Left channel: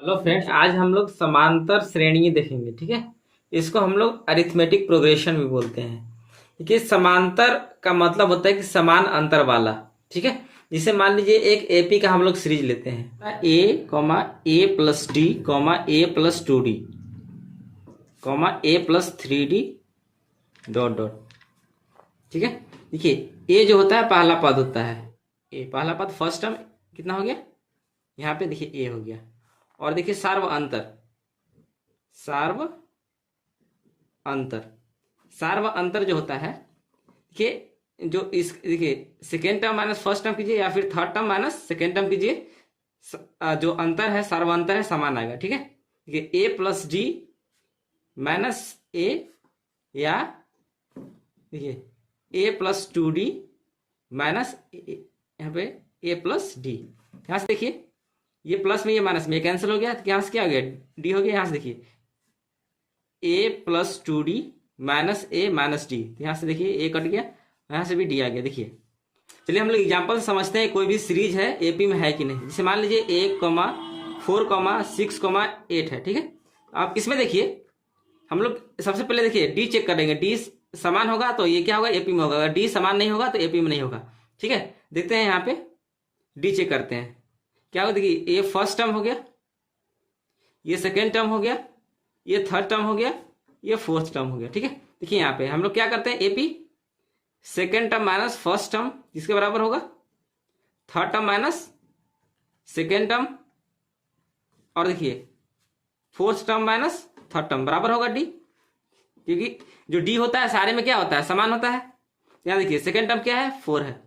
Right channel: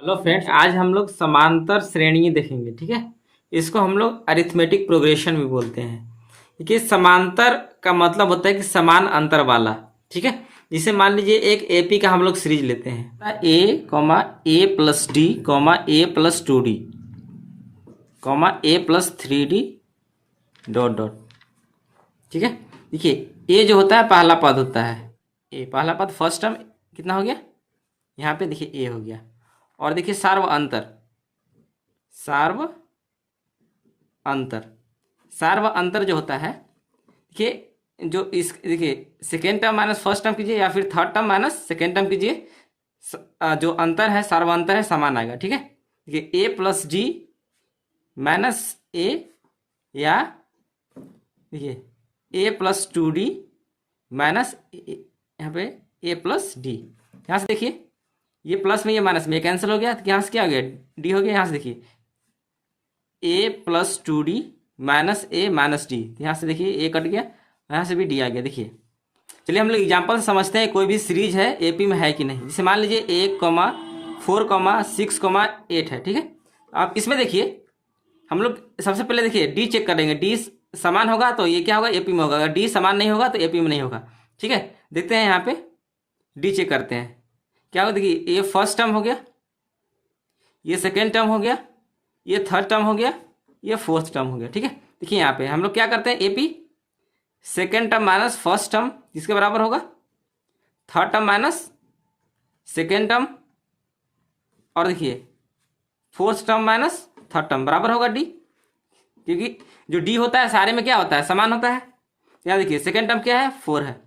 Hello friends, आज हम लोग समांतर श्रेणी देखेंगे। ठीक है, इसको हम लोग अरिथमेटिक प्रोग्रेशन भी बोलते हैं। देखिए, समांतर का मतलब होता है कि समान अंतर वाला। ठीक है, जिसे मान लीजिए एक एपी का हम लोग सीरीज लेते हैं, A plus D A plus 2d A plus 3d dot dot. ठीक है, देखिए ए जो होता है पहला पद होता है, ए पहला पद फर्स्ट टर्म कितना हो गया, यहाँ पे देखिए ए हो गया। और देखिए सार्व अंतर जो होता है, देखिए जो इस देखिए second term minus first term कीजिए या फिर third term minus second term कीजिए, जो अंतर है सार्व अंतर है समान आएगा। ठीक है, देखिए ए प्लस डी माइनस ए, या देखिए ए प्लस 2d माइनस यहाँ पे ए प्लस डी। यहाँ से देखिए ये प्लस में ये माइनस में कैंसिल हो गया, तो यहाँ से क्या हो गया, डी हो गया। यहाँ से देखिए ए प्लस 2d माइनस ए माइनस डी, यहाँ से देखिए ए कट गया, यहाँ से भी डी आ गया। देखिए चलिए हम लोग एग्जाम्पल से समझते हैं कोई भी सीरीज है एपी में है कि नहीं। जैसे मान लीजिए 1,4,6,8 है। ठीक है, आप इसमें देखिए हम लोग सबसे पहले देखिए डी चेक करेंगे, डी समान होगा तो ये क्या होगा, एपी में होगा। अगर डी समान नहीं होगा तो एपी में नहीं होगा। ठीक है, देखते हैं यहाँ पे डी चेक करते हैं क्या होगा। देखिए ये फर्स्ट टर्म हो गया, ये सेकेंड टर्म हो गया, ये थर्ड टर्म हो गया, ये फोर्थ टर्म हो गया। ठीक है, देखिए यहाँ पे हम लोग क्या करते हैं, AP second term minus first term किसके बराबर होगा, third term minus second term, और देखिए fourth term minus third term बराबर होगा डी। क्योंकि जो डी होता है सारे में क्या होता है, समान होता है। यहाँ देखिए सेकेंड टर्म क्या है, 4 है,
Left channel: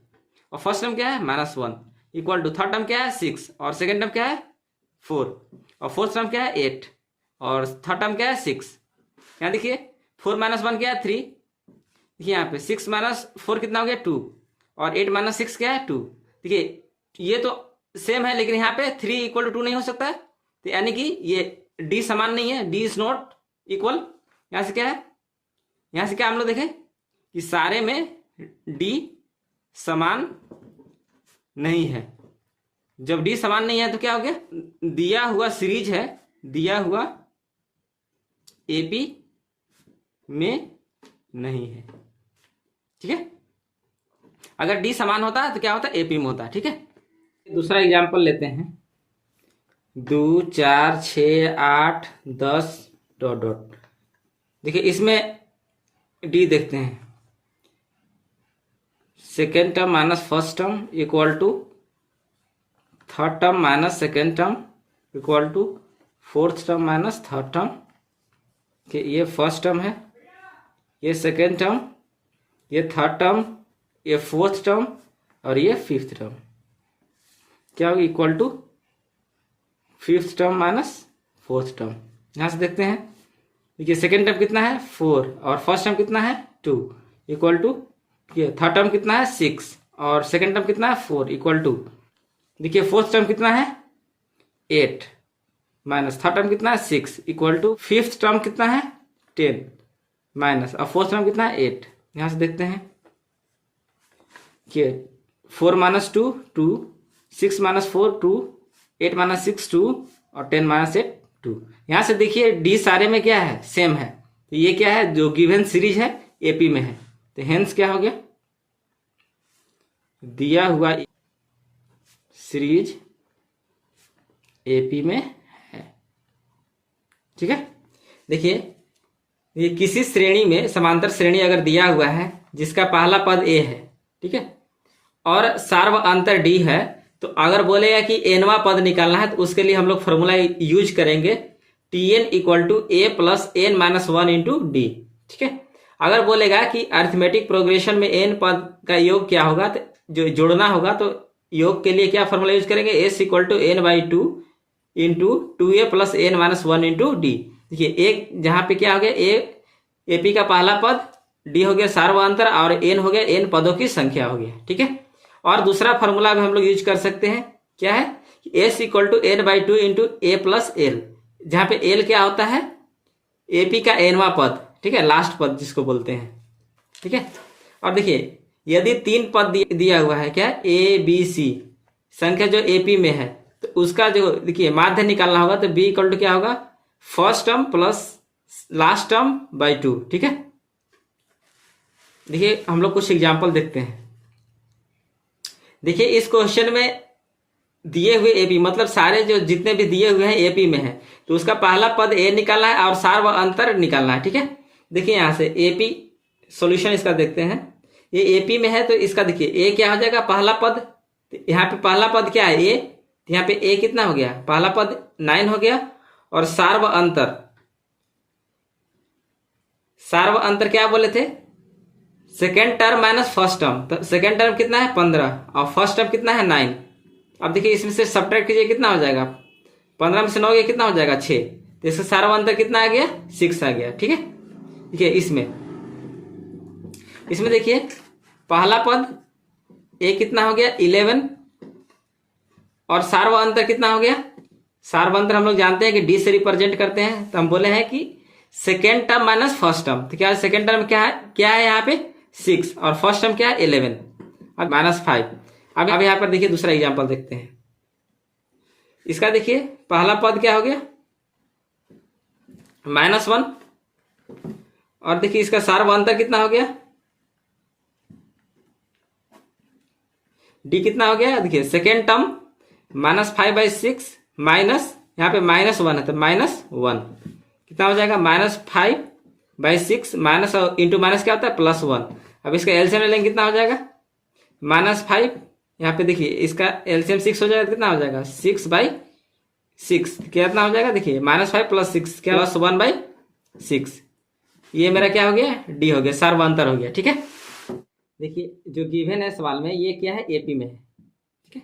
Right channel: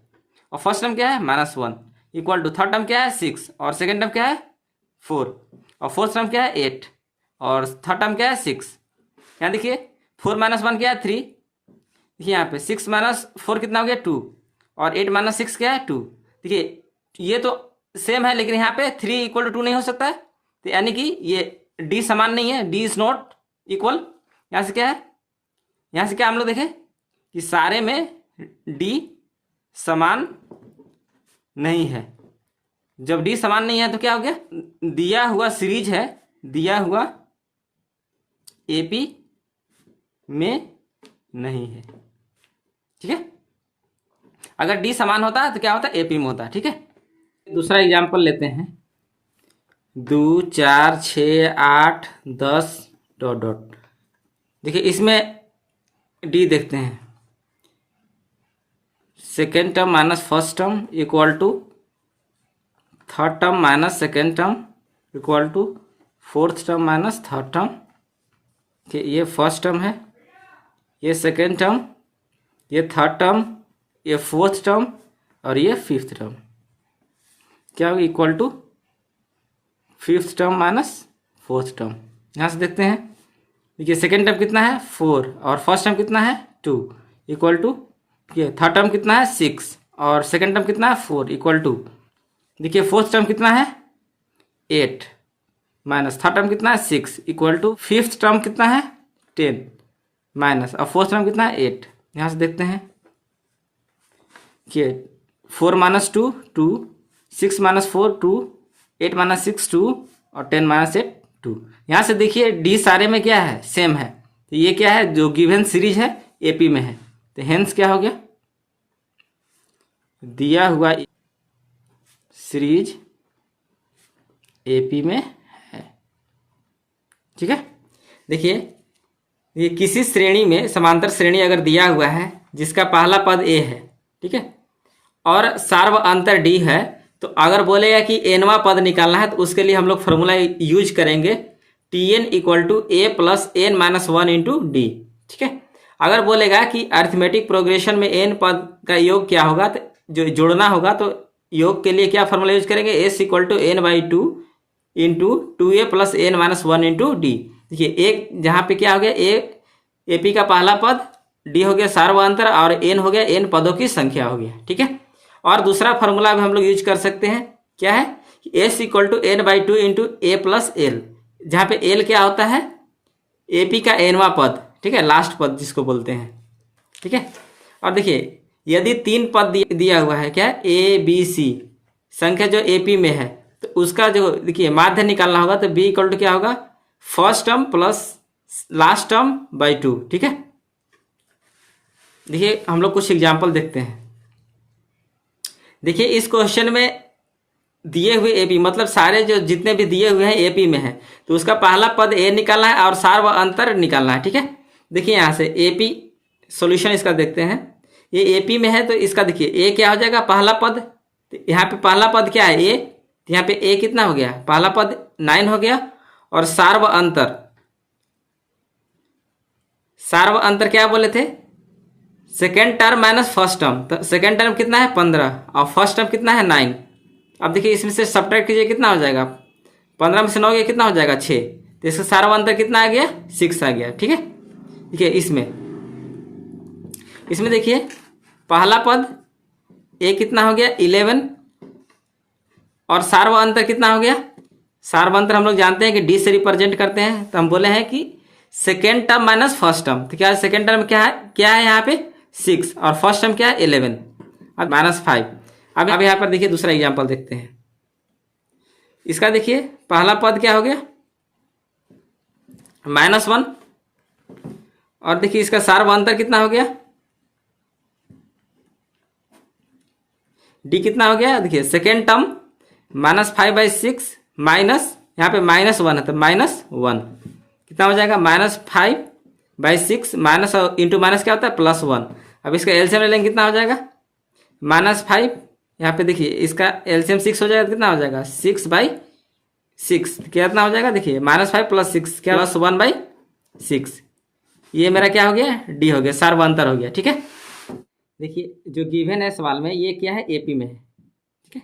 और फर्स्ट टर्म क्या है, -1, इक्वल टू थर्ड टर्म क्या है, 6, और सेकेंड टर्म क्या है, 4, और फोर्थ टर्म क्या है, 8, और थर्ड टर्म क्या है, 6। यहाँ देखिए 4 - 1 क्या है, 3। देखिए यहाँ पे 6 - 4 कितना हो गया, 2, और 8 - 6 क्या है, 2। देखिए ये तो सेम है, लेकिन यहाँ पे 3 = 2 नहीं हो सकता है, तो यानी कि ये डी समान नहीं है, डी इज नॉट इक्वल। यहाँ से क्या है, यहाँ से क्या हम लोग देखें कि सारे में डी समान नहीं है। जब डी समान नहीं है तो क्या हो गया, दिया हुआ सीरीज है, दिया हुआ एपी में नहीं है। ठीक है, अगर डी समान होता है तो क्या होता है, एपी में होता है। ठीक है, दूसरा एग्जांपल लेते हैं, 2 4 6 8 10 डॉट डॉट। देखिए इसमें डी देखते हैं, second term minus first term equal to third term minus second term equal to fourth term minus third term. ये फर्स्ट टर्म है, ये सेकेंड टर्म, ये थर्ड टर्म, ये फोर्थ टर्म, और ये फिफ्थ टर्म क्या होगा, equal to fifth term minus fourth term. यहाँ से देखते हैं, देखिए सेकेंड टर्म कितना है, 4, और फर्स्ट टर्म कितना है, 2, इक्वल टू ये थर्ड टर्म कितना है, 6, और सेकेंड टर्म कितना है, 4, इक्वल टू देखिए फोर्थ टर्म कितना है, 8, माइनस थर्ड टर्म कितना है, 6, इक्वल टू फिफ्थ टर्म कितना है, 10, माइनस और फोर्थ टर्म कितना है, 8। यहाँ से देखते हैं कि 4 - 2 2, 6 - 4 2, 8 - 6 2, और 10 - 8 2। यहाँ से देखिए डी सारे में क्या है, सेम है। तो ये क्या है, जो गिवन सीरीज है एपी में है। तो हेंस क्या हो गया, दिया हुआ सीरीज एपी में है। ठीक है, देखिए ये किसी श्रेणी में समांतर श्रेणी अगर दिया हुआ है जिसका पहला पद ए है, ठीक है, और सार्व अंतर डी है, तो अगर बोलेगा कि एनवा पद निकालना है तो उसके लिए हम लोग फॉर्मूला यूज करेंगे, Tn = a + n - 1 × d। ठीक है, अगर बोलेगा कि अरिथमेटिक प्रोग्रेशन में n पद का योग क्या होगा, तो जो जोड़ना होगा, तो योग के लिए क्या फॉर्मूला यूज करेंगे, s = n/2 × 2a + n - 1 × d। देखिए एक जहाँ पे क्या हो गया, ए एपी का पहला पद, डी हो गया सार्व अंतर, और n हो गया n पदों की संख्या हो गया। ठीक है, और दूसरा फॉर्मूला भी हम लोग यूज कर सकते हैं, क्या है, s = n/2 × a + l, जहाँ पे l क्या होता है, एपी का nवा पद। ठीक है, लास्ट पद जिसको बोलते हैं। ठीक है, और देखिए यदि 3 पद दिया हुआ है, क्या है, ए बी सी संख्या जो एपी में है, तो उसका जो देखिए माध्य निकालना होगा, तो b इक्वल टू क्या होगा, first term plus last term by 2। ठीक है, देखिए हम लोग कुछ एग्जाम्पल देखते हैं। देखिए इस क्वेश्चन में दिए हुए एपी, मतलब सारे जो जितने भी दिए हुए हैं एपी में है, तो उसका पहला पद ए निकालना है और सार व अंतर निकालना है। ठीक है, देखिए यहाँ से एपी सॉल्यूशन इसका देखते हैं। ये एपी में है तो इसका देखिए ए क्या हो जाएगा, पहला पद, यहाँ पे पहला पद क्या है ए, यहाँ पे ए कितना हो गया, पहला पद 9 हो गया, और सार व अंतर, सार व अंतर क्या बोले थे, second term minus first term, तो सेकेंड टर्म कितना है 15 और फर्स्ट टर्म कितना है 9। अब देखिए इसमें से सब्ट्रैक्ट कीजिए, कितना हो जाएगा, 15 में से 9 गया कितना हो जाएगा 6, तो इसका सारा अंतर कितना आ गया 6 आ गया। ठीक है, देखिए इसमें देखिए पहला पद ए कितना हो गया 11, और सार्व अंतर कितना हो गया, सार्व अंतर हम लोग जानते हैं कि डी से रिप्रेजेंट करते हैं, तो हम बोले हैं कि second term minus first term, तो क्या है सेकेंड टर्म क्या है यहाँ पे 6, और फर्स्ट टर्म क्या है 11, अब -5। अब यहाँ पर देखिए दूसरा एग्जाम्पल देखते हैं। इसका देखिए पहला पद क्या हो गया -1, और देखिए इसका सार्व अंतर कितना हो गया, डी कितना हो गया, देखिए सेकेंड टर्म -5/6 माइनस, यहाँ पे -1 है तो -1 कितना हो जाएगा, -5/6 माइनस इंटू माइनस क्या होता है +1। अब इसका एलसीएम ले लेंगे कितना हो जाएगा, -5, यहाँ पे देखिए इसका एलसीएम 6 हो जाएगा तो कितना हो जाएगा 6/6, कितना हो जाएगा, देखिए -5 + 6 क्या +1/6, ये मेरा क्या हो गया डी हो गया, सार्व अंतर हो गया। ठीक है, देखिए जो गिवन है सवाल में ये क्या है एपी में है। ठीक है,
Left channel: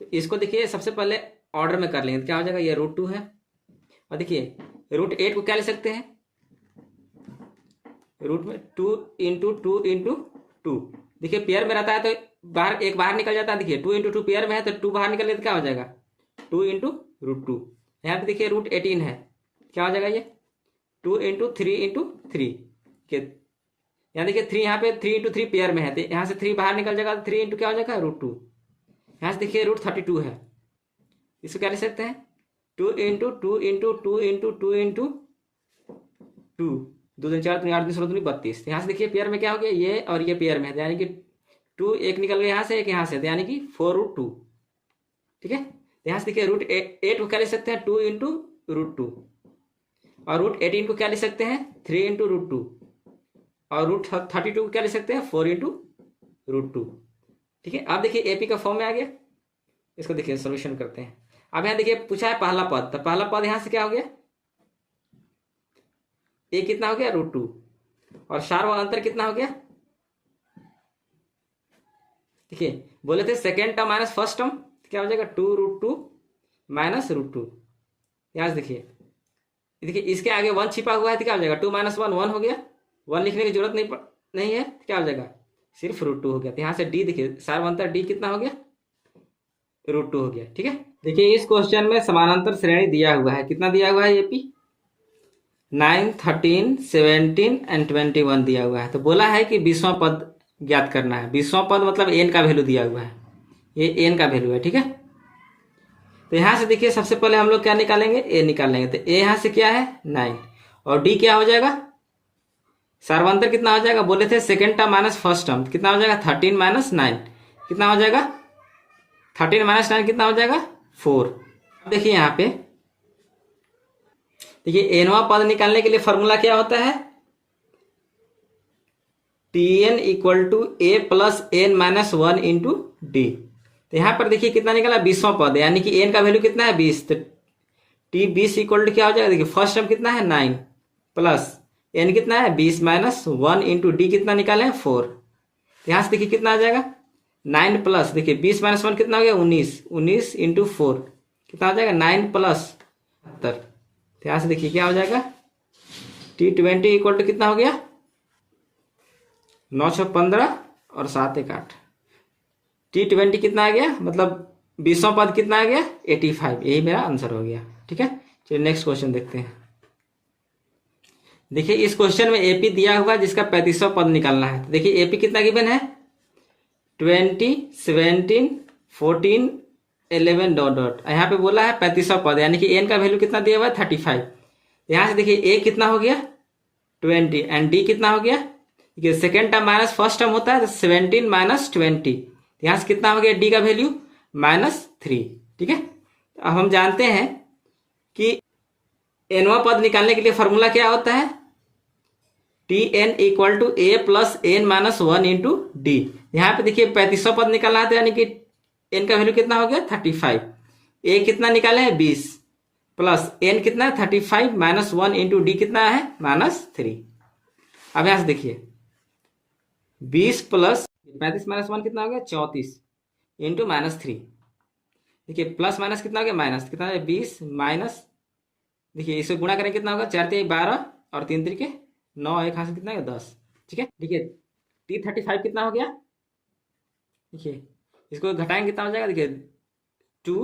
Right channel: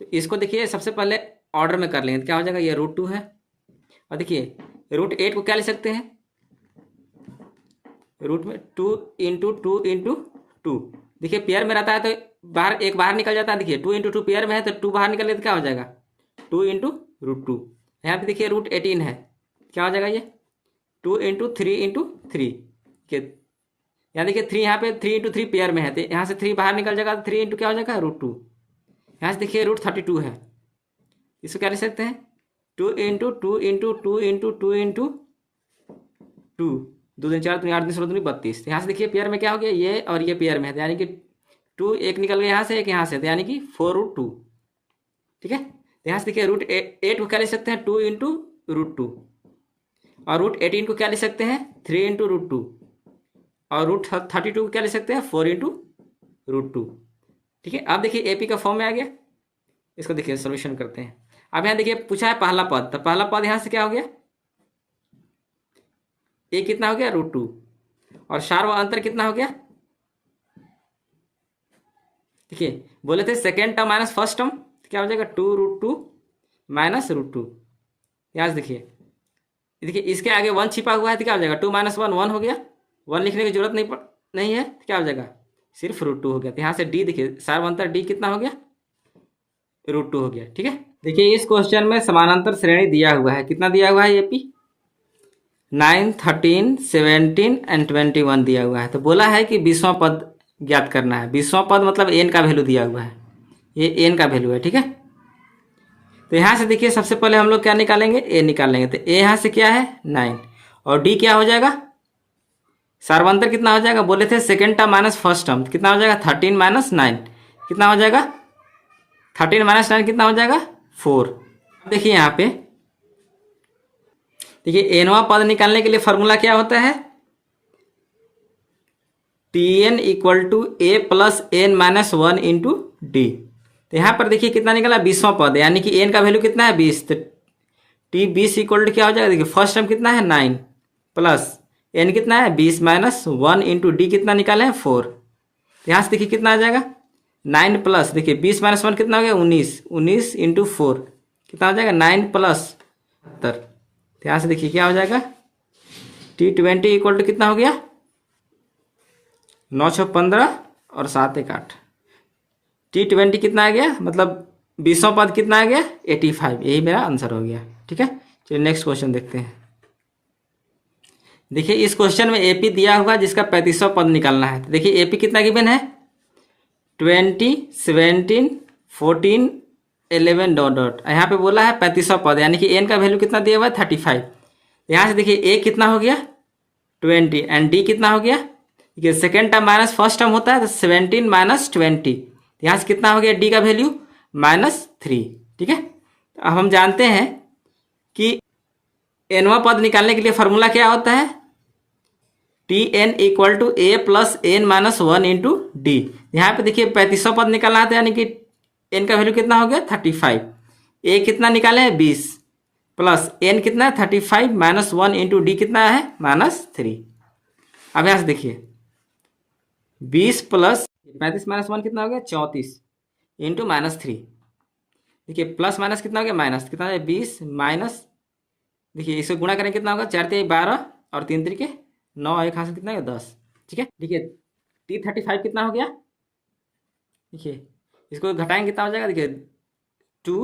तो इसको देखिए सबसे पहले ऑर्डर में कर लेंगे, तो क्या हो जाएगा, ये √2 है, और देखिए √8 को क्या ले सकते हैं, रूट में 2 × 2 × 2, देखिए पेयर में रहता है तो बाहर एक बाहर निकल जाता है, देखिए 2 × 2 पेयर में है तो 2 बाहर निकल गया तो क्या हो जाएगा 2 × √2। यहाँ पे देखिए √18 है, क्या हो जाएगा ये 2 × 3 × 3 के, यहाँ देखिए 3, यहाँ पे 3 × 3 पेयर में है, तो यहाँ से 3 बाहर निकल जाएगा तो 3 × क्या हो जाएगा √2। यहाँ से देखिए √32 है, इसको क्या ले सकते हैं 2 × 2 × 2 × 2 × 2, 2 3 4 3 8 3 16 32। यहाँ से देखिए पेयर में क्या हो गया ये और ये पेयर में है, यानी कि 2 एक निकल गया यहाँ से, एक यहाँ से, तो यानी कि 4√2। ठीक है, तो यहाँ से देखिए √8 को क्या ले सकते हैं 2 × √2, और √18 को क्या ले सकते हैं 3 × √2, और √32 को क्या ले सकते हैं 4 × √2। ठीक है, अब देखिए एपी का फॉर्म में आ गया, इसको देखिए सोल्यूशन करते हैं। अब यहाँ देखिए पूछा है पहला पद, तो पहला पद यहाँ से क्या हो गया ए कितना हो गया √2, और सार्व अंतर कितना हो गया, देखिए बोले थे second term minus first term, क्या हो जाएगा 2√2 माइनस √2। यहाँ से देखिए इसके आगे 1 छिपा हुआ है तो क्या हो जाएगा 2 - 1 1 हो गया, 1 लिखने की जरूरत नहीं है, तो क्या हो जाएगा सिर्फ √2 हो गया। तो यहाँ से डी देखिए सार्व अंतर डी कितना हो गया √2 हो गया। ठीक है, देखिए इस क्वेश्चन में समानांतर श्रेणी दिया हुआ है, कितना दिया हुआ है एपी 9 13 17 एंड 21 दिया हुआ है। तो बोला है कि 20वां पद ज्ञात करना है, 20वां पद मतलब एन का वैल्यू दिया हुआ है, ये एन का वैल्यू है। ठीक है, तो यहाँ से देखिए सबसे पहले हम लोग क्या निकालेंगे ए निकाल लेंगे, तो ए यहाँ से क्या है 9, और डी क्या हो जाएगा सार्वंतर कितना हो जाएगा, बोले थे second term minus first term कितना हो जाएगा 13 - 9 कितना हो जाएगा 13 - 9 कितना हो जाएगा 4। देखिए यहाँ पे देखिए एनवां पद निकालने के लिए फॉर्मूला क्या होता है Tn = a + n - 1 × d। तो यहाँ पर देखिए कितना निकला 20वां पद, यानी कि n का वैल्यू कितना है 20, तो t 20 = क्या हो जाएगा, देखिए फर्स्ट टर्म कितना है 9 प्लस n कितना है 20 - 1 × d कितना निकाले हैं 4। तो यहाँ से देखिए कितना आ जाएगा 9 प्लस देखिए 20 - 1 कितना हो गया 19 × 4 कितना हो जाएगा 9 + 70। तो यहाँ से देखिए क्या हो जाएगा T20 = कितना हो गया 9 × 15 और 7 × 8। T20 कितना आ गया, मतलब 20वां पद कितना आ गया 85, यही मेरा आंसर हो गया। ठीक है, चलिए नेक्स्ट क्वेश्चन देखते हैं। देखिए इस क्वेश्चन में एपी दिया हुआ जिसका 35वां पद निकालना है। तो देखिए एपी कितना गिवन है 20 17 14 11 डॉट डॉट, यहाँ पे बोला है 35वां पद, यानी कि n का वैल्यू कितना दिया हुआ है 35। यहाँ से देखिए a कितना हो गया 20 एंड d कितना हो गया, देखिए second term minus first term होता है तो 17 माइनस 20, यहाँ से कितना हो गया d का वैल्यू -3। ठीक है, अब हम जानते हैं कि nवां पद निकालने के लिए फॉर्मूला क्या होता है, Tn equal to a plus n minus 1 into D. यहाँ पे देखिए 35वां पद निकालना था, यानी कि n का वैल्यू कितना हो गया 35, a कितना निकाले हैं 20 प्लस n कितना है 35 माइनस 1 इंटू डी कितना है -3। अब यहाँ से देखिए 20 प्लस 35 माइनस 1 कितना हो गया 34 इंटू -3, देखिए प्लस माइनस कितना हो गया माइनस, कितना है 20 माइनस, देखिए इसको गुणा करें कितना होगा 4 3 12 और 3 3 9, एक हाथ से कितना है 10। ठीक है, देखिए T35 कितना हो गया, देखिए इसको घटाएंगे कितना हो जाएगा, देखिए 2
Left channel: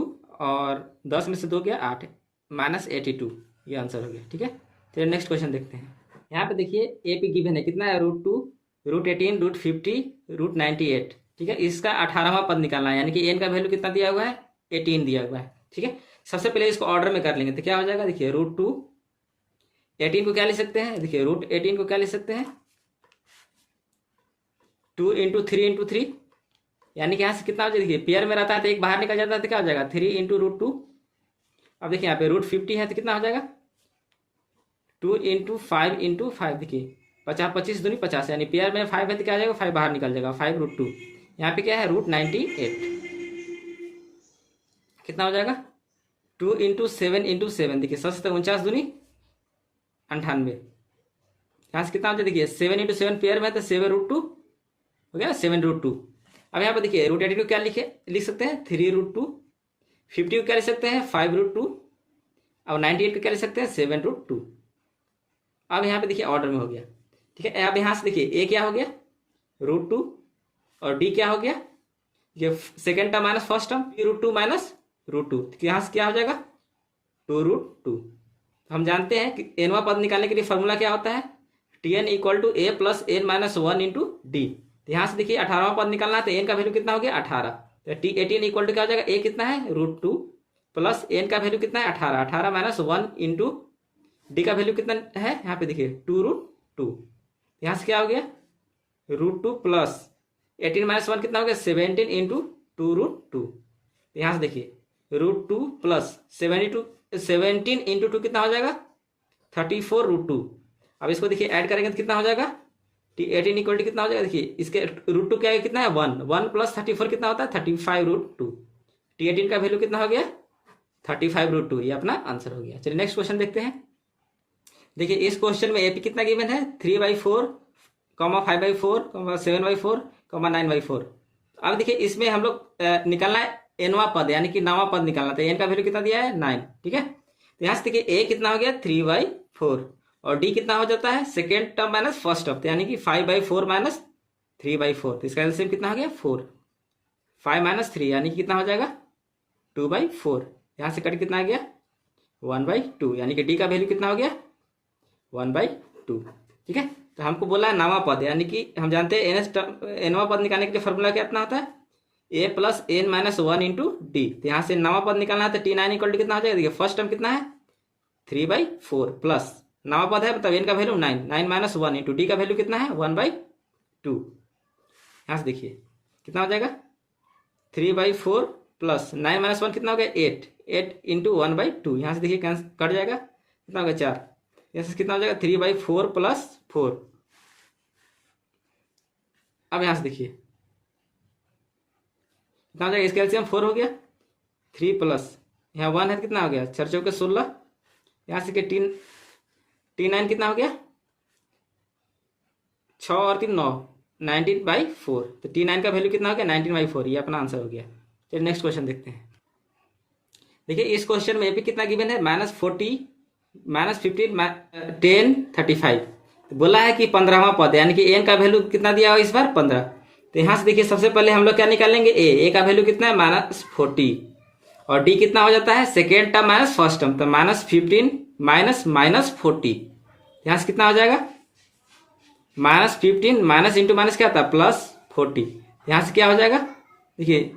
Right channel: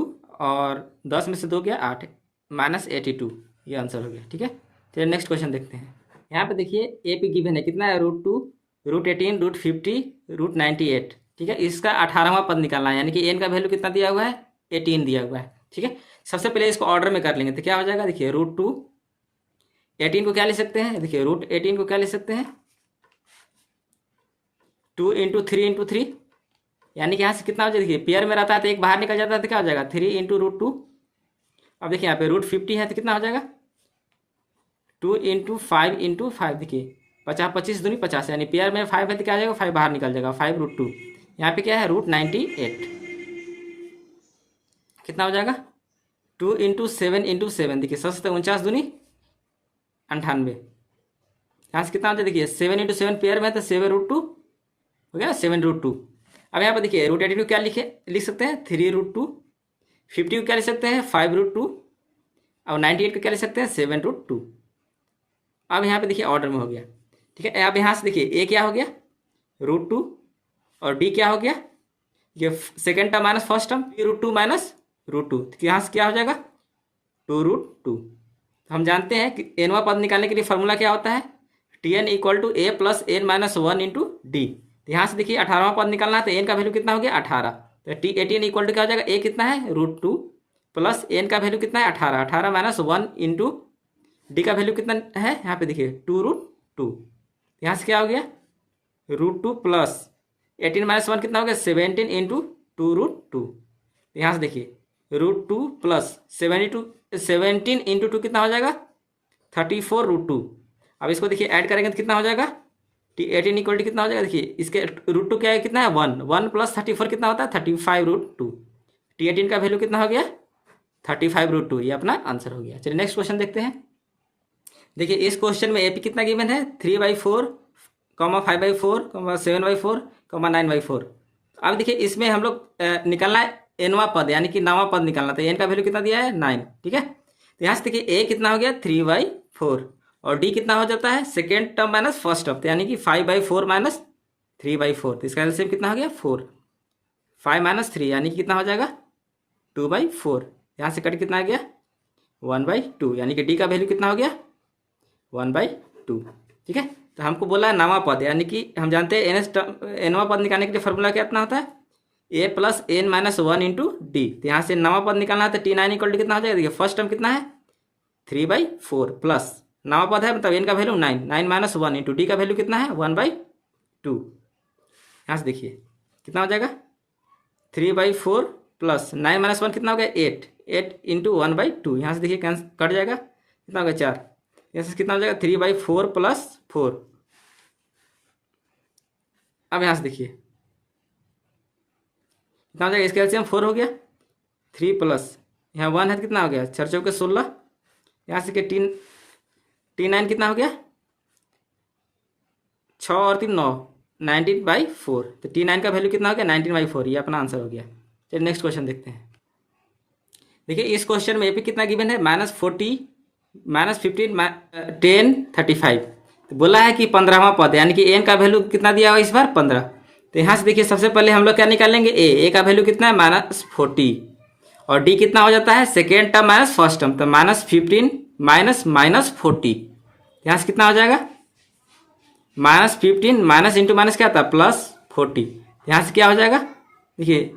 और 10 में से 2 गया 8 -82, ये आंसर हो गया। ठीक है, चलिए नेक्स्ट क्वेश्चन देखते हैं। यहाँ पे देखिए ए पी गिवन है कितना है √2 √18 √50 √98। ठीक है, इसका 18वां पद निकालना है, यानी कि n का वैल्यू कितना दिया हुआ है 18 दिया हुआ है। ठीक है, सबसे पहले इसको ऑर्डर में कर लेंगे तो क्या हो जाएगा, देखिए √2, 18 को क्या ले सकते हैं, देखिए √18 को क्या ले सकते हैं 2 इंटू 3 इंटू 3, यानी कि यहाँ से कितना हो जाएगा, देखिए पेयर में रहता है तो एक बाहर निकल जाता है तो क्या हो जाएगा 3 इंटू √2। अब देखिए यहाँ पे √50 है तो कितना हो जाएगा 2 इंटू 5 इंटू 5, देखिए 50 25 दूनी 50, यानी पेयर में 5 है तो क्या आ जाएगा 5 बाहर निकल जाएगा 5 √2। यहाँ पे क्या है √98, कितना हो जाएगा 2 इंटू 7 इंटू 7, देखिए 49 दूनी 98, यहाँ से कितना हो जाए देखिए 7 इंटू 7 पेयर में तो 7 √2 हो गया 7 √2। अब यहाँ पे देखिए √18 को क्या लिख सकते हैं 3 √2, 50 को क्या लिख सकते हैं 5 √2 और 98 को क्या लिख सकते हैं 7 √2। अब यहाँ पे देखिए ऑर्डर में हो गया। ठीक है, अब यहाँ से देखिए a क्या हो गया √2 और d क्या हो गया, ये second term minus first term √2 minus √2, यहाँ से क्या हो जाएगा 2 √2। हम जानते हैं कि nवां पद निकालने के लिए फॉर्मूला क्या होता है Tn equal to a plus n minus 1 into D. यहाँ से देखिए 18वां पद निकालना है तो n का वैल्यू कितना हो गया 18, तो T18 इक्वल टू क्या हो जाएगा a कितना है √2 प्लस n का वैल्यू कितना है 18, 18 माइनस 1 इंटू डी का वैल्यू कितना है, यहाँ पे देखिए 2 √2, यहाँ से क्या हो गया √2 प्लस 18 माइनस 1 कितना हो गया 17 इंटू 2 √2, यहाँ से देखिए √2 प्लस 17 इंटू 2 कितना हो जाएगा 34 √2। अब इसको देखिए ऐड करेंगे तो कितना हो जाएगा T18 इक्वल टू कितना हो जाएगा, देखिए इसके √2 क्या है कितना है 1 प्लस 34 कितना होता है 35 √2। T18 का वैल्यू कितना हो गया 35 √2, ये अपना आंसर हो गया। चलिए नेक्स्ट क्वेश्चन देखते हैं। देखिए इस क्वेश्चन में AP कितना गिवन है 3/4, 5/4, 7/4, 9/4। अब देखिए इसमें हम लोग निकालना है nवां पद, यानी कि 9वां पद निकालना था, n का वैल्यू कितना दिया है 9। ठीक है, तो यहाँ से देखिए a कितना हो गया 3/4 और d कितना हो जाता है second term minus first term, तो यानी कि 5/4 माइनस 3/4, तो इसका एलसीएम कितना हो गया 4, 5 माइनस 3 यानी कि कितना हो जाएगा 2/4, यहाँ से कट कितना आ गया 1/2, यानी कि d का वैल्यू कितना हो गया 1/2। ठीक है, तो हमको बोला नवा पद, यानी कि हम जानते हैं nवां पद निकालने के लिए फॉर्मूला क्या इतना होता है a plus n minus 1 into D. तो यहाँ से नवा पद निकालना है तो T9 इक्वल टू कितना हो जाएगा, देखिए फर्स्ट टर्म कितना है 3/4 प्लस नवा पद है मतलब n का वैल्यू 9 माइनस 1 इंटू डी का वैल्यू कितना है 1/2। यहाँ से देखिए कितना हो जाएगा 3/4 प्लस 9 माइनस 1 कितना हो गया 8 इंटू 1/2, यहाँ से देखिए कट जाएगा कितना हो गया 4, यहाँ से कितना हो जाएगा 3/4 प्लस 4। अब यहाँ से देखिए कितना हो जाएगा, इसका एलसीएम 4 हो गया, 3 प्लस यहाँ 1 है तो कितना हो गया 4 चौके 16, यहाँ से T9 कितना हो गया 6 और 3 9, 19/4, तो T9 का वैल्यू कितना हो गया 19/4, ये अपना आंसर हो गया। चलिए नेक्स्ट क्वेश्चन देखते हैं। देखिए इस क्वेश्चन में AP कितना गिवन है -40 -15 10 35, तो बोला है कि 15वां पद, यानी कि n का वैल्यू कितना दिया हुआ इस बार 15। तो यहाँ से देखिए सबसे पहले हम लोग क्या निकालेंगे a का वैल्यू कितना है -40 और d कितना हो जाता है second term minus first term, तो -15 माइनस 40, यहाँ से कितना हो जाएगा -15 माइनस इंटू माइनस क्या था +40, यहाँ से क्या हो जाएगा देखिए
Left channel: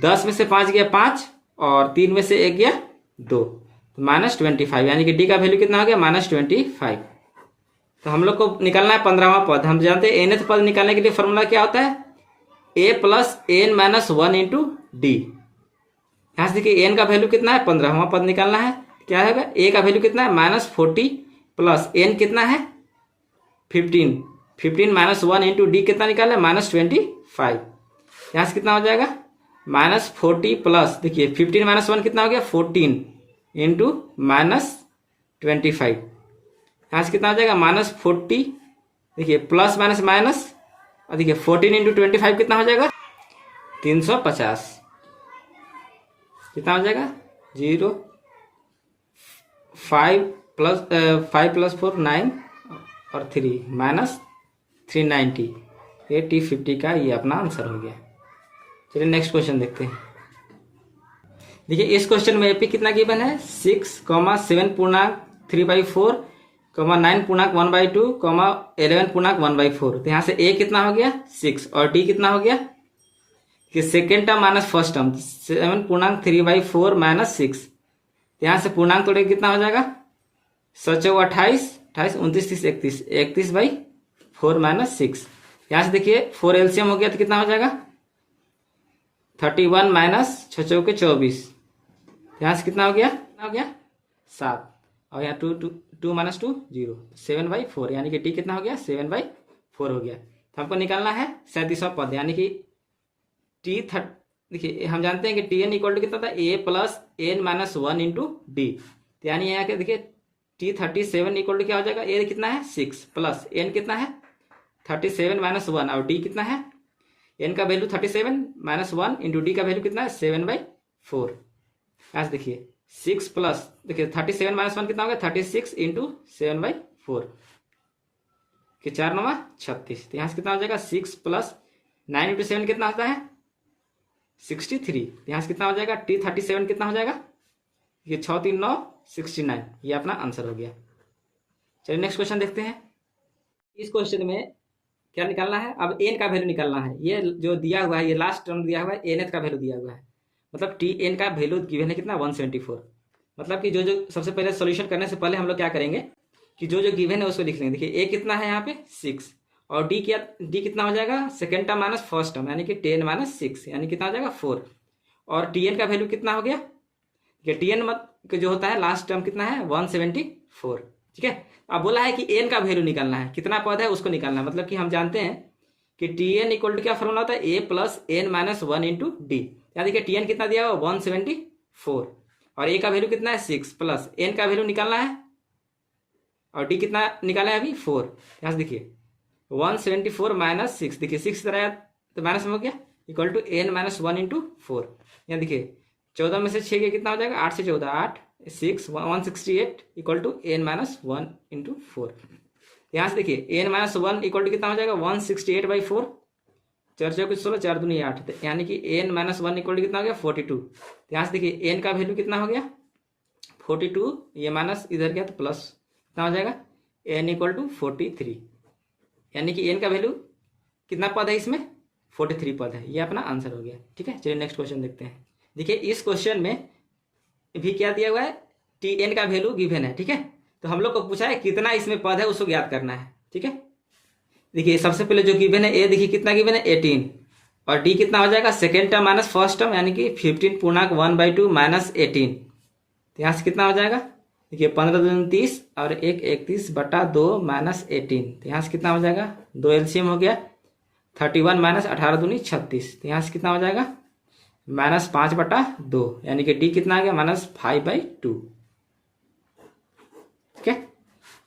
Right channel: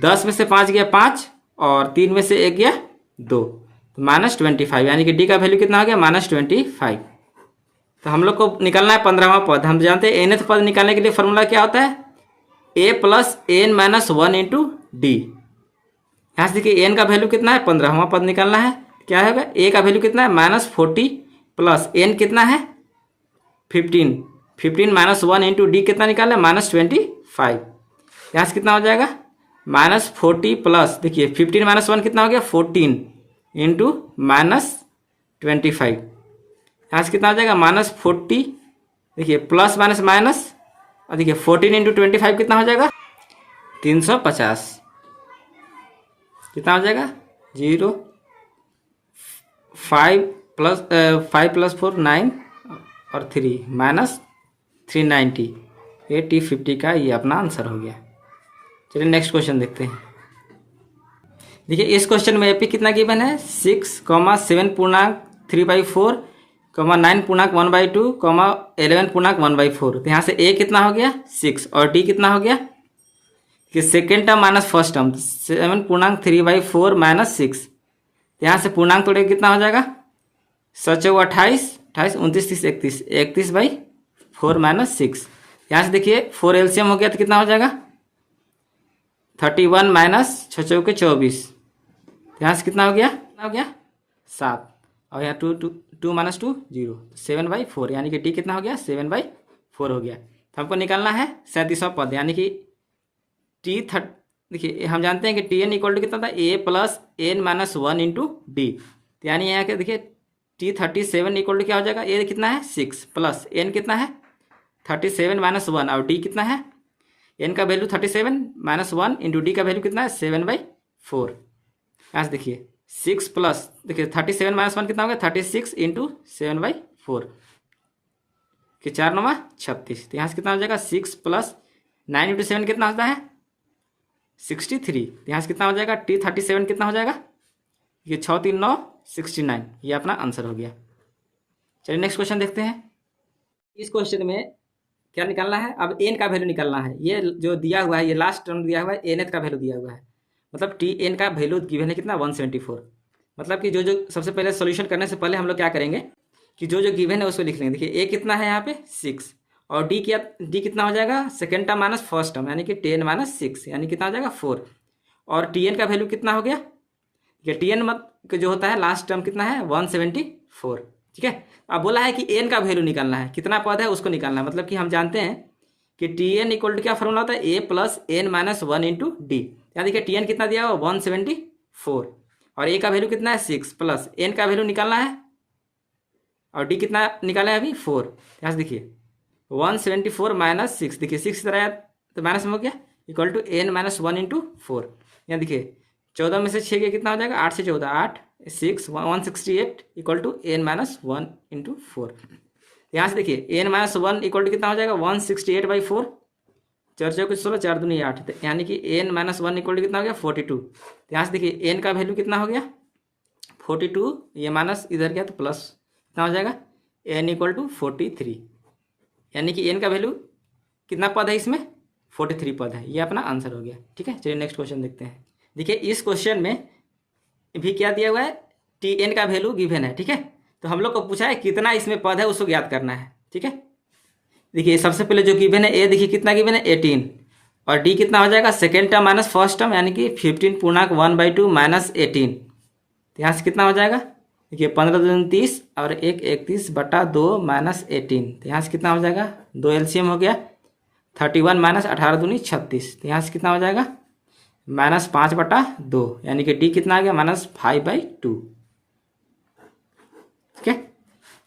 10 में से 5 गया 5 और 3 में से 1 गया 2, तो -25, यानी कि डी का वैल्यू कितना हो गया -25। तो हम लोग को निकालना है 15वां पद। हम जानते हैं nth पद निकालने के लिए फॉर्मूला क्या होता है, a + n-1 इंटू डी। यहाँ से देखिए n का वैल्यू कितना है 15वां पद निकालना है, क्या है a का वैल्यू कितना है -40 प्लस n कितना है 15, 15 -1 इंटू डी कितना निकालना है -25। यहाँ से कितना हो जाएगा -40 प्लस, देखिए 15 - 1 कितना हो गया 14 इंटू -25। यहाँ से कितना हो जाएगा -40, देखिए प्लस माइनस माइनस, और देखिए 14 इंटू 25 कितना हो जाएगा 350। कितना हो जाएगा 0 5 + 4 9 और 3 -390, 80 50 का ये अपना आंसर हो गया। चलिए नेक्स्ट क्वेश्चन देखते हैं। देखिए इस क्वेश्चन में एपी कितना गिवन है 6, 7 पूर्णांक 3/4, 9 पूर्णांक 1/2, 11 पूर्णांक 1/4। तो यहाँ से ए कितना हो गया 6 और डी कितना हो गया कि second term minus first term 7 पूर्णांक 3/4 -6। यहाँ से पूर्णांक तोड़े कितना हो जाएगा 7 × 28, 28 29 30 31, 31/4 -6। यहाँ से देखिए 4 एलसीएम हो गया तो कितना हो जाएगा 31 - 6 × 24। यहाँ से कितना हो गया 7, और यहाँ 2 2 2 - 2 0, 7/4, यानी कि टी कितना हो गया 7/4 हो गया। तो हमको निकालना है 37वां पद, यानी कि टी देखिए हम जानते हैं कि टी एन इक्वल टू कितना था a + n-1 इंटू डी। यानी यहाँ के देखिए टी 37 इक्वल टू क्या हो जाएगा, ए कितना है 6 प्लस एन कितना है 37 - 1, और डी कितना है एन का वैल्यू 37 - 1 इंटू डी का वैल्यू कितना है 7/4। यहाँ से देखिए 6 प्लस, देखिए 37 - 1 कितना हो गया 36 इंटू 7/4 कि 4 9 36। तो यहाँ से कितना हो जाएगा 6 + 9 इंटू 7 कितना होता है 63। तो यहाँ से कितना हो जाएगा टी 37 कितना हो जाएगा, ये 6 3 9 69, ये अपना आंसर हो गया। चलिए नेक्स्ट क्वेश्चन देखते हैं। इस क्वेश्चन में क्या निकालना है, अब एन का वैल्यू निकालना है। ये जो दिया हुआ है, ये लास्ट टर्म दिया हुआ है, एन का वैल्यू दिया हुआ है, मतलब टी एन का वैल्यू गिवन है कितना 174। मतलब कि जो सबसे पहले सोल्यूशन करने से पहले हम लोग क्या करेंगे कि जो गिवन है उसको लिख लेंगे। देखिए ए कितना है यहाँ पे 6, और डी कितना हो जाएगा second term minus first term, यानी कि 10 - 6, यानी कितना हो जाएगा 4। और टी एन का वैल्यू कितना हो गया, टी एन जो होता है लास्ट टर्म कितना है 174। ठीक है, अब बोला है कि एन का वैल्यू निकालना है, कितना पद है उसको निकालना है। मतलब कि हम जानते हैं कि टी एन इक्वल टू क्या फॉर्मूला होता है a + n-1 इंटू डी। यानी देखिए टी एन कितना दिया हुआ 174, और ए का वैल्यू कितना है 6 प्लस एन का वैल्यू निकालना है, और डी कितना निकाला है अभी 4। यहाँ से देखिए 174 - 6, देखिए 6 इधर आया तो माइनस में हो गया इक्वल टू n-1 इंटू 4। यहाँ देखिए 14 में से 6 के कितना हो जाएगा 8 से 14 8 6 168 इक्वल टू n-1 इंटू 4। यहाँ से देखिए n-1 इक्वल टू कितना हो जाएगा 168/4, 4 4 16 4 दूनी 8, यानी कि n-1 इक्वल टू कितना हो गया 42। यहाँ से देखिए n का वैल्यू कितना हो गया 42, ये माइनस इधर गया तो प्लस कितना हो जाएगा n इक्वल टू 43, यानी कि n का वैल्यू कितना पद है इसमें 43 पद है। ये अपना आंसर हो गया। ठीक है, चलिए नेक्स्ट क्वेश्चन देखते हैं। देखिए इस क्वेश्चन में भी क्या दिया हुआ है टी एन का वैल्यू गिवन है। ठीक है, तो हम लोग को पूछा है कितना इसमें पद है उसको ज्ञात करना है। ठीक है, देखिए सबसे पहले जो गिवन है ए, देखिए कितना गिवन है 18, और डी कितना हो जाएगा second term minus first term, यानी कि 15 पूर्णांक 1/2 - 18। तो यहाँ से कितना हो जाएगा देखिए 15 दूनी 30 और 1 31/2 - 18। तो यहाँ से कितना हो जाएगा 2 एलसीएम हो गया 31 - 18 दूनी 36। तो यहाँ से कितना हो जाएगा -5/2, यानी कि डी कितना आ गया -5/2। ठीक है,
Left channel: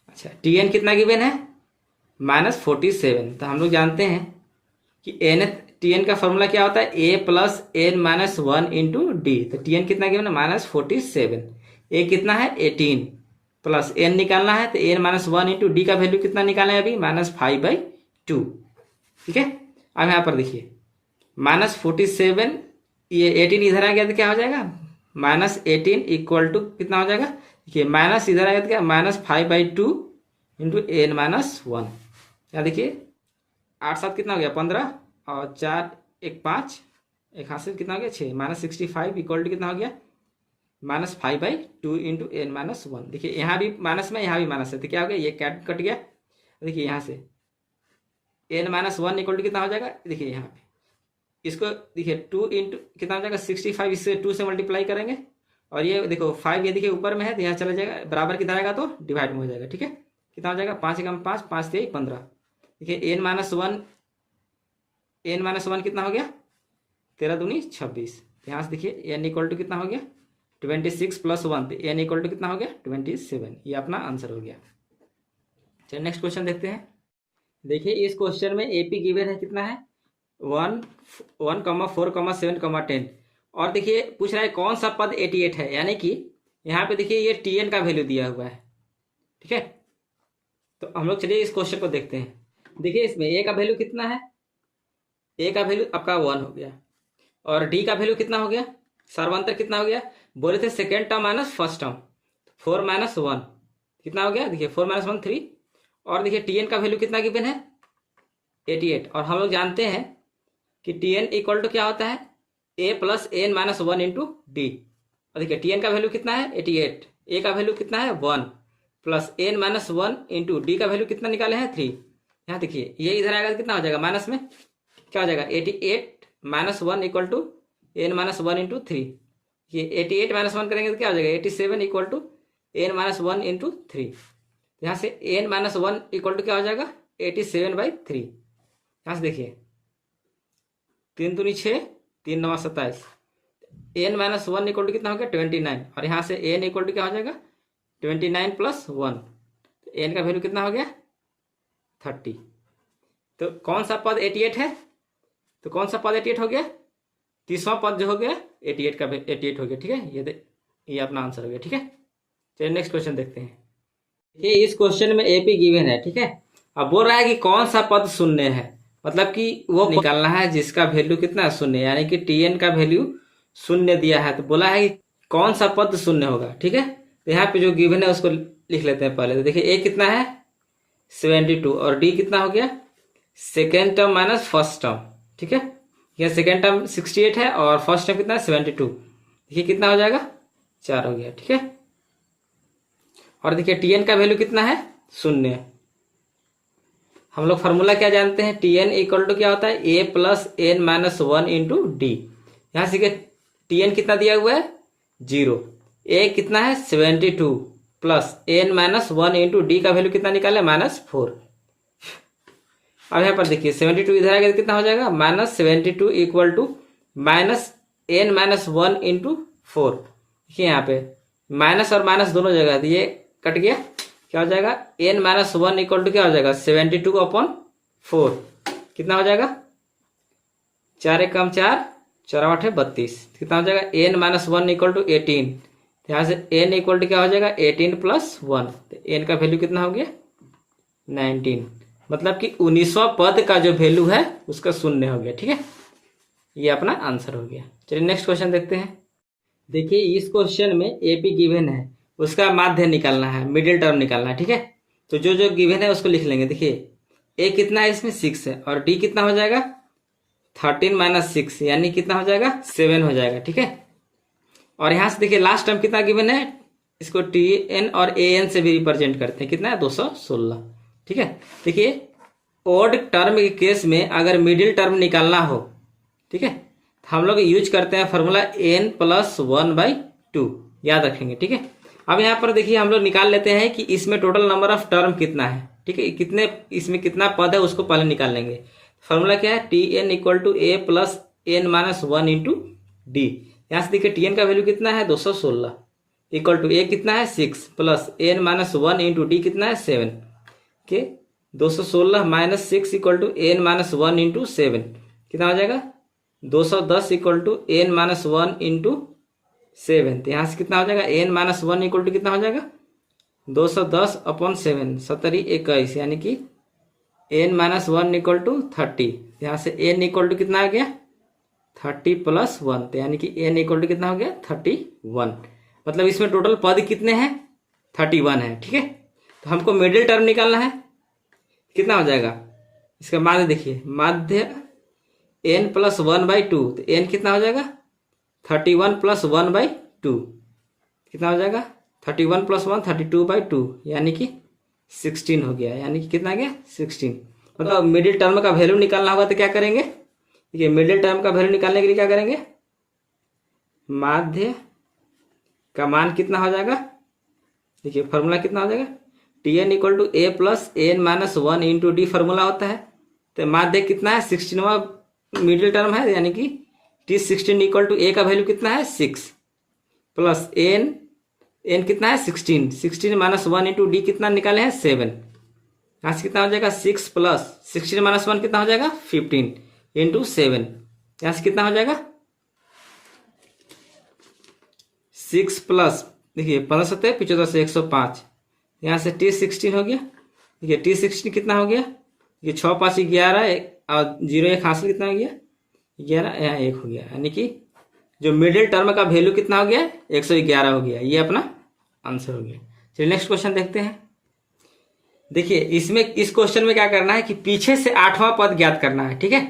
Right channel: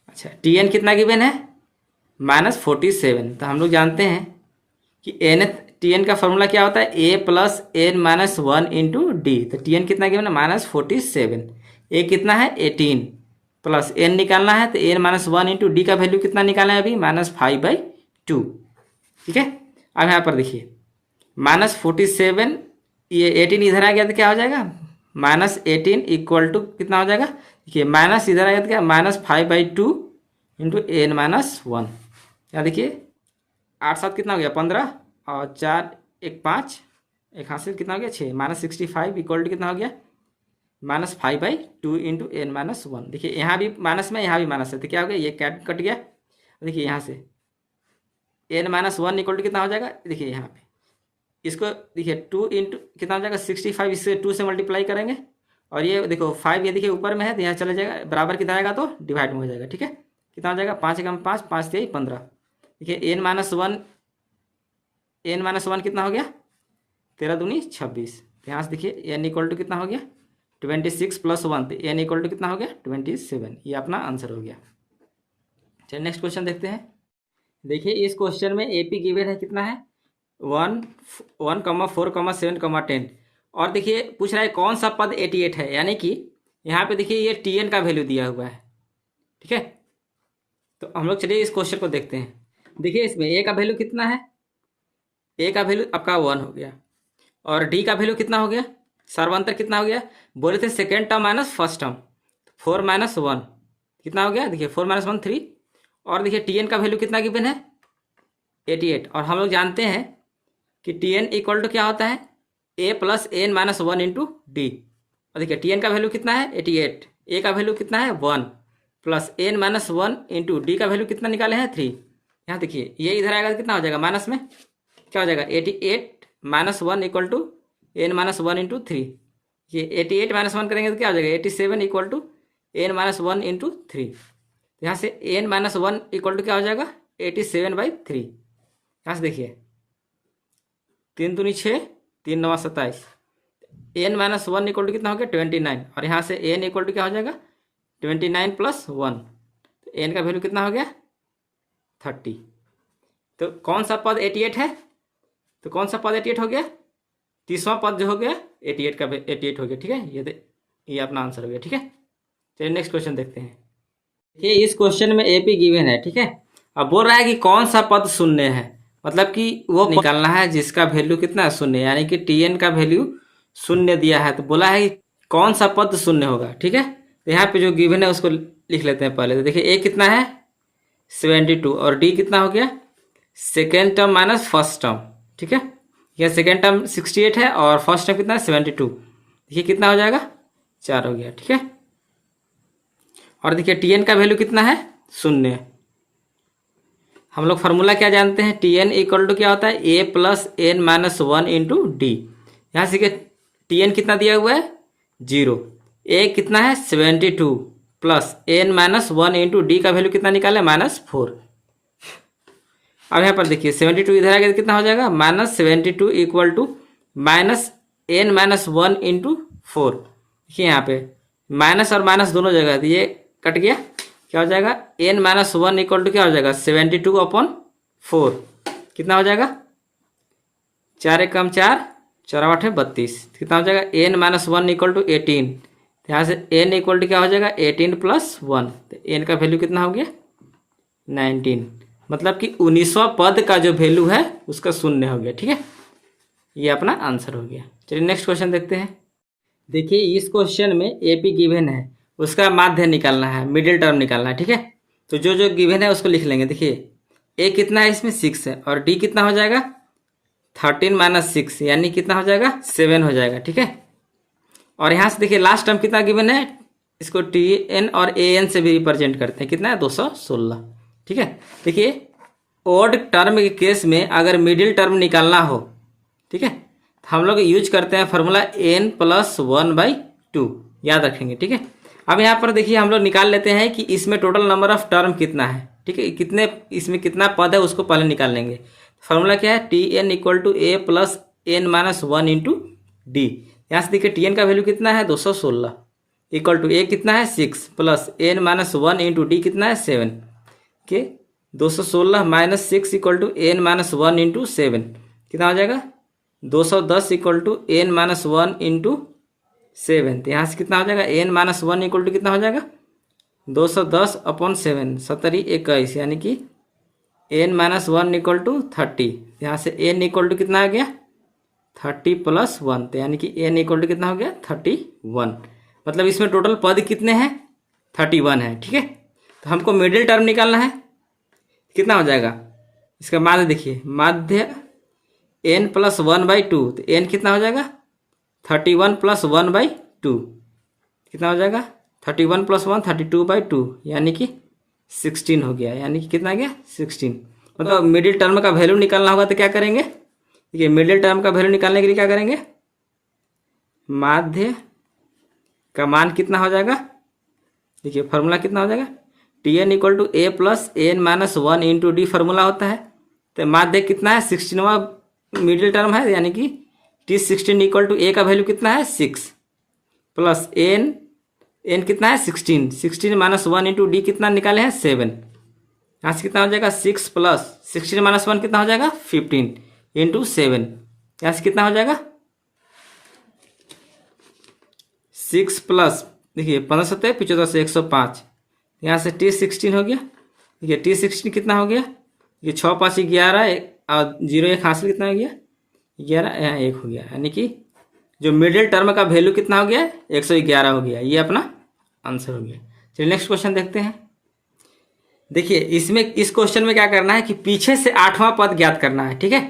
अच्छा टी एन कितना गिवन है -47। तो हम लोग जानते हैं कि एन टी एन का फॉर्मूला क्या होता है a + n-1 इंटू डी। तो टी एन कितना गिवन है -47, ए कितना है 18 प्लस एन निकालना है तो n-1 इंटू डी का वैल्यू कितना निकालना है अभी -5/2। ठीक है, अब यहाँ पर देखिए -47, ये 18 इधर आ गया तो क्या हो जाएगा -18 इक्वल टू कितना हो जाएगा देखिए माइनस इधर आ गया तो क्या -5/2 इंटू n-1। या देखिए 8 7 कितना हो गया 15, और 4 1 5 एक हाथ से कितना हो गया 6, -65 इक्वल टू कितना हो गया -5/2 इंटू n-1। देखिए यहाँ भी माइनस में, यहाँ भी माइनस है, तो क्या हो गया, ये कैट कट गया। देखिए यहाँ से n-1 इक्वल टू कितना हो जाएगा, देखिए यहाँ पे इसको देखिए 2 इंटू कितना हो जाएगा 65, इससे 2 से मल्टीप्लाई करेंगे, और ये देखो 5 ये देखिए ऊपर में है तो यहाँ चला जाएगा, बराबर कितना आएगा तो डिवाइड में हो जाएगा। ठीक है, कितना हो जाएगा 5 एकम 5, 5 3 15। देखिए n-1 कितना हो गया 13 दूनी 26। यहाँ से देखिए n इक्वल टू कितना हो गया 26 + 1, तो n इक्वल टू कितना हो गया 27। ये अपना आंसर हो गया। चलिए नेक्स्ट क्वेश्चन देखते हैं। देखिए इस क्वेश्चन में एपी गिवन है कितना है 1, 4, 7, 10, और देखिए पूछ रहा है कौन सा पद 88 है, यानी कि यहाँ पे देखिए ये टी एन का वैल्यू दिया हुआ है। ठीक है, तो हम लोग चलिए इस क्वेश्चन को देखते हैं। देखिए इसमें ए का वैल्यू कितना है, ए का वैल्यू आपका 1 हो गया, और डी का वैल्यू कितना हो गया, सर्वांतर कितना हो गया, बोले थे second term minus first term, 4 - 1 कितना हो गया, देखिए 4 - 1 3, और देखिए टी एन का वैल्यू कितना गिवन है 88, और हम लोग जानते हैं कि टी एन इक्वल टू क्या होता है a + n-1 इंटू डी। और देखिए टी एन का वैल्यू कितना है 88, ए का वैल्यू कितना है 1 + n-1 इंटू डी का वैल्यू कितना निकाले हैं 3। यहाँ देखिए ये इधर आएगा तो कितना हो जाएगा माइनस में, क्या हो जाएगा 88 - 1 इक्वल टू n-1 इंटू 3। ये 88 - 1 करेंगे तो क्या हो जाएगा 87 इक्वल टू n-1 इंटू 3। यहाँ से n-1 इक्वल टू क्या हो जाएगा 87/3। यहाँ से देखिए 3 दूनी 6, 3 9 27, n-1 इक्वल टू कितना हो गया 29, और यहाँ से n इक्वल टू क्या हो जाएगा 29 + 1, तो n का वैल्यू कितना हो गया 30। तो कौन सा पद 88 है, तो कौन सा पद 88 हो गया, तीसरा पद जो हो गया 88 का 88 हो गया। ठीक है, ये अपना आंसर हो गया। ठीक है, चलिए नेक्स्ट क्वेश्चन देखते हैं। ये इस क्वेश्चन में एपी गिवन है। ठीक है, अब बोल रहा है कि कौन सा पद शून्य है, मतलब कि वो निकालना है जिसका वैल्यू कितना है शून्य, यानी कि टीएन का वैल्यू शून्य दिया है, तो बोला है कि कौन सा पद शून्य होगा। ठीक है, तो यहाँ पे जो गिवन है उसको लिख लेते हैं पहले। तो देखिए ए कितना है 72, और डी कितना हो गया second term minus first term. ठीक है, यह सेकेंड टर्म 68 है और फर्स्ट टर्म कितना है 72। देखिए कितना हो जाएगा 4 हो गया। ठीक है, और देखिए टीएन का वैल्यू कितना है शून्य। हम लोग फार्मूला क्या जानते हैं, टी एन इक्वल टू क्या होता है a + n-1 इंटू डी। यहाँ से टी एन कितना दिया हुआ है 0, a कितना है 72 + n-1 इंटू डी का वैल्यू कितना निकाले -4। अब यहाँ पर देखिए 72 इधर आएगा तो कितना हो जाएगा -72 इक्वल टू -n-1 इंटू 4। देखिए यहाँ पे माइनस और माइनस दोनों जगह, तो ये कट गया, क्या हो जाएगा n-1 इक्वल टू क्या हो जाएगा 72/4, कितना हो जाएगा 4 एकम 4, 4 8 32, कितना हो जाएगा n-1 इक्वल टू 18। यहाँ से n इक्वल टू क्या हो जाएगा 18 + 1, तो n का वैल्यू कितना हो गया 19, मतलब कि 19वां पद का जो वैल्यू है उसका शून्य हो गया। ठीक है, ये अपना आंसर हो गया। चलिए नेक्स्ट क्वेश्चन देखते हैं। देखिए इस क्वेश्चन में एपी गिवन है, उसका माध्य निकालना है, मिडिल टर्म निकालना है। ठीक है, तो जो जो गिवन है उसको लिख लेंगे। देखिए ए कितना है इसमें 6 है, और डी कितना हो जाएगा 13 - 6, यानी कितना हो जाएगा 7 हो जाएगा। ठीक है, और यहाँ से देखिए लास्ट टर्म कितना गिवन है, इसको टी एन और ए एन से भी रिप्रेजेंट करते हैं, कितना है 216। ठीक है, देखिए ओड टर्म के केस में अगर मिडिल टर्म निकालना हो, ठीक है, तो हम लोग यूज करते हैं फार्मूला n + 1/2, याद रखेंगे। ठीक है, अब यहाँ पर देखिए हम लोग निकाल लेते हैं कि इसमें टोटल नंबर ऑफ टर्म कितना है। ठीक है, कितने इसमें कितना पद है उसको पहले निकाल लेंगे। फार्मूला क्या है T N equal to a + n-1 into D. यहाँ से देखिए टी एन का वैल्यू कितना है 216 इक्वल टू a कितना है 6 + n-1 इंटू डी कितना है 7 के 216 - 6 इक्वल टू n-1 इंटू 7, कितना हो जाएगा 210 इक्वल टू n-1 इंटू 7। तो यहाँ से कितना हो जाएगा n-1 इक्वल टू कितना हो जाएगा 210/7, 7 21, यानी कि n-1 इक्वल टू 30। यहाँ से n इक्वल टू कितना आ गया 30 + 1, तो यानी कि n इक्वल टू कितना हो गया 31। मतलब इसमें टोटल पद कितने हैं 31 है। ठीक है, तो हमको मिडिल टर्म निकालना है, कितना हो जाएगा इसका माध्य। देखिए माध्य एन प्लस 1/2, तो एन कितना हो जाएगा 31 प्लस 1/2, कितना हो जाएगा 31 प्लस 1 32/2, यानी कि 16 हो गया। यानी कि कितना आ गया 16। मतलब मिडिल टर्म का वैल्यू निकालना होगा तो क्या करेंगे, देखिए मिडिल टर्म का वैल्यू निकालने के लिए क्या करेंगे, माध्य का मान कितना हो जाएगा, देखिए फॉर्मूला कितना हो जाएगा, T N equal to A plus N minus 1 into D formula होता है। तो माध्य कितना है 16वां मिडिल टर्म है, यानी कि टी 16 इक्वल टू ए का वैल्यू कितना है 6 प्लस एन, एन कितना है 16 माइनस 1 इंटू डी कितना निकाले हैं 7। यहाँ से कितना हो जाएगा 6 प्लस 16 माइनस 1 कितना हो जाएगा 15 इंटू 7। यहाँ से कितना हो जाएगा 6 प्लस देखिए 15 सत्तर 75 से 105। यहाँ से टी 16 हो गया, देखिए टी 16 कितना हो गया, ये 6 5 11 और 0 1 हासिल कितना हो गया 11, यहाँ 1 हो गया। यानी कि जो मिडिल टर्म का वैल्यू कितना हो गया 111 हो गया। ये अपना आंसर हो गया। चलिए नेक्स्ट क्वेश्चन देखते हैं। देखिए इसमें इस क्वेश्चन में क्या करना है कि पीछे से 8वां पद ज्ञात करना है, ठीक है।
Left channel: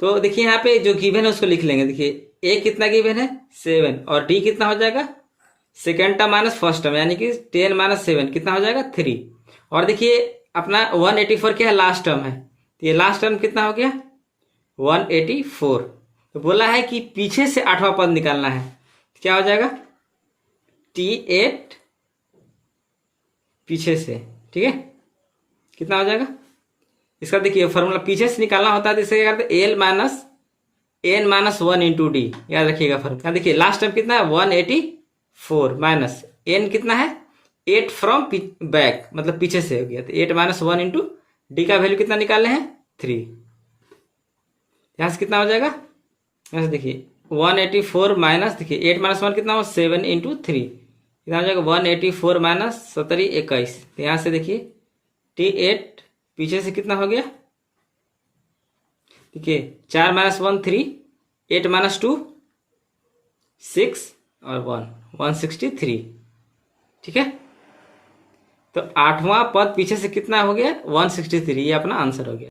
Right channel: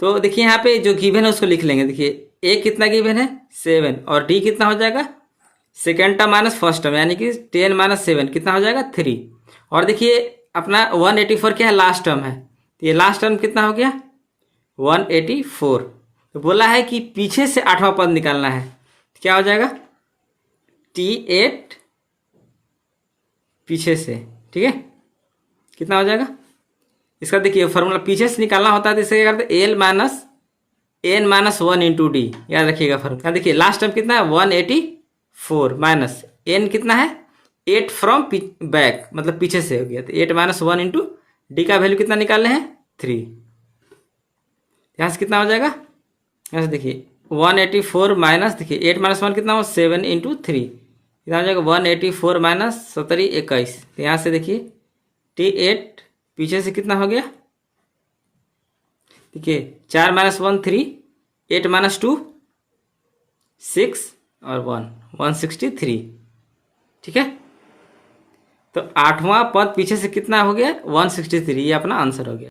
तो देखिए यहाँ पे जो गिवन है उसको लिख लेंगे। देखिए ए कितना गिवन है 7 और डी कितना हो जाएगा second term minus first term, यानी कि 10 माइनस 7 कितना हो जाएगा 3। और देखिए अपना 184 क्या है लास्ट टर्म है, तो ये लास्ट टर्म कितना हो गया 184। तो बोला है कि पीछे से 8वां पद निकालना है, क्या हो जाएगा T8 पीछे से, ठीक है। कितना हो जाएगा इसका, देखिए फॉर्मूला पीछे से निकालना होता है तो इसे क्या करते हैं L minus N minus 1 into D, याद रखिएगा फॉर्मूला। देखिए लास्ट टर्म कितना है 184 माइनस एन कितना है 8 फ्रॉम बैक, मतलब पीछे से हो गया, तो 8 माइनस 1 इंटू डी का वैल्यू कितना निकालने हैं 3। यहाँ से कितना हो जाएगा, यहाँ से देखिए 184 माइनस देखिए 8 माइनस 1 कितना हो 7 इंटू 3, कितना हो जाएगा 184 माइनस 17 21। तो यहाँ से देखिए T8 पीछे से कितना हो गया, देखिए 4 माइनस 1 3, 8 माइनस 2 6 और 1 163, ठीक है। तो 8वां पद पीछे से कितना हो गया 163, ये अपना आंसर हो गया।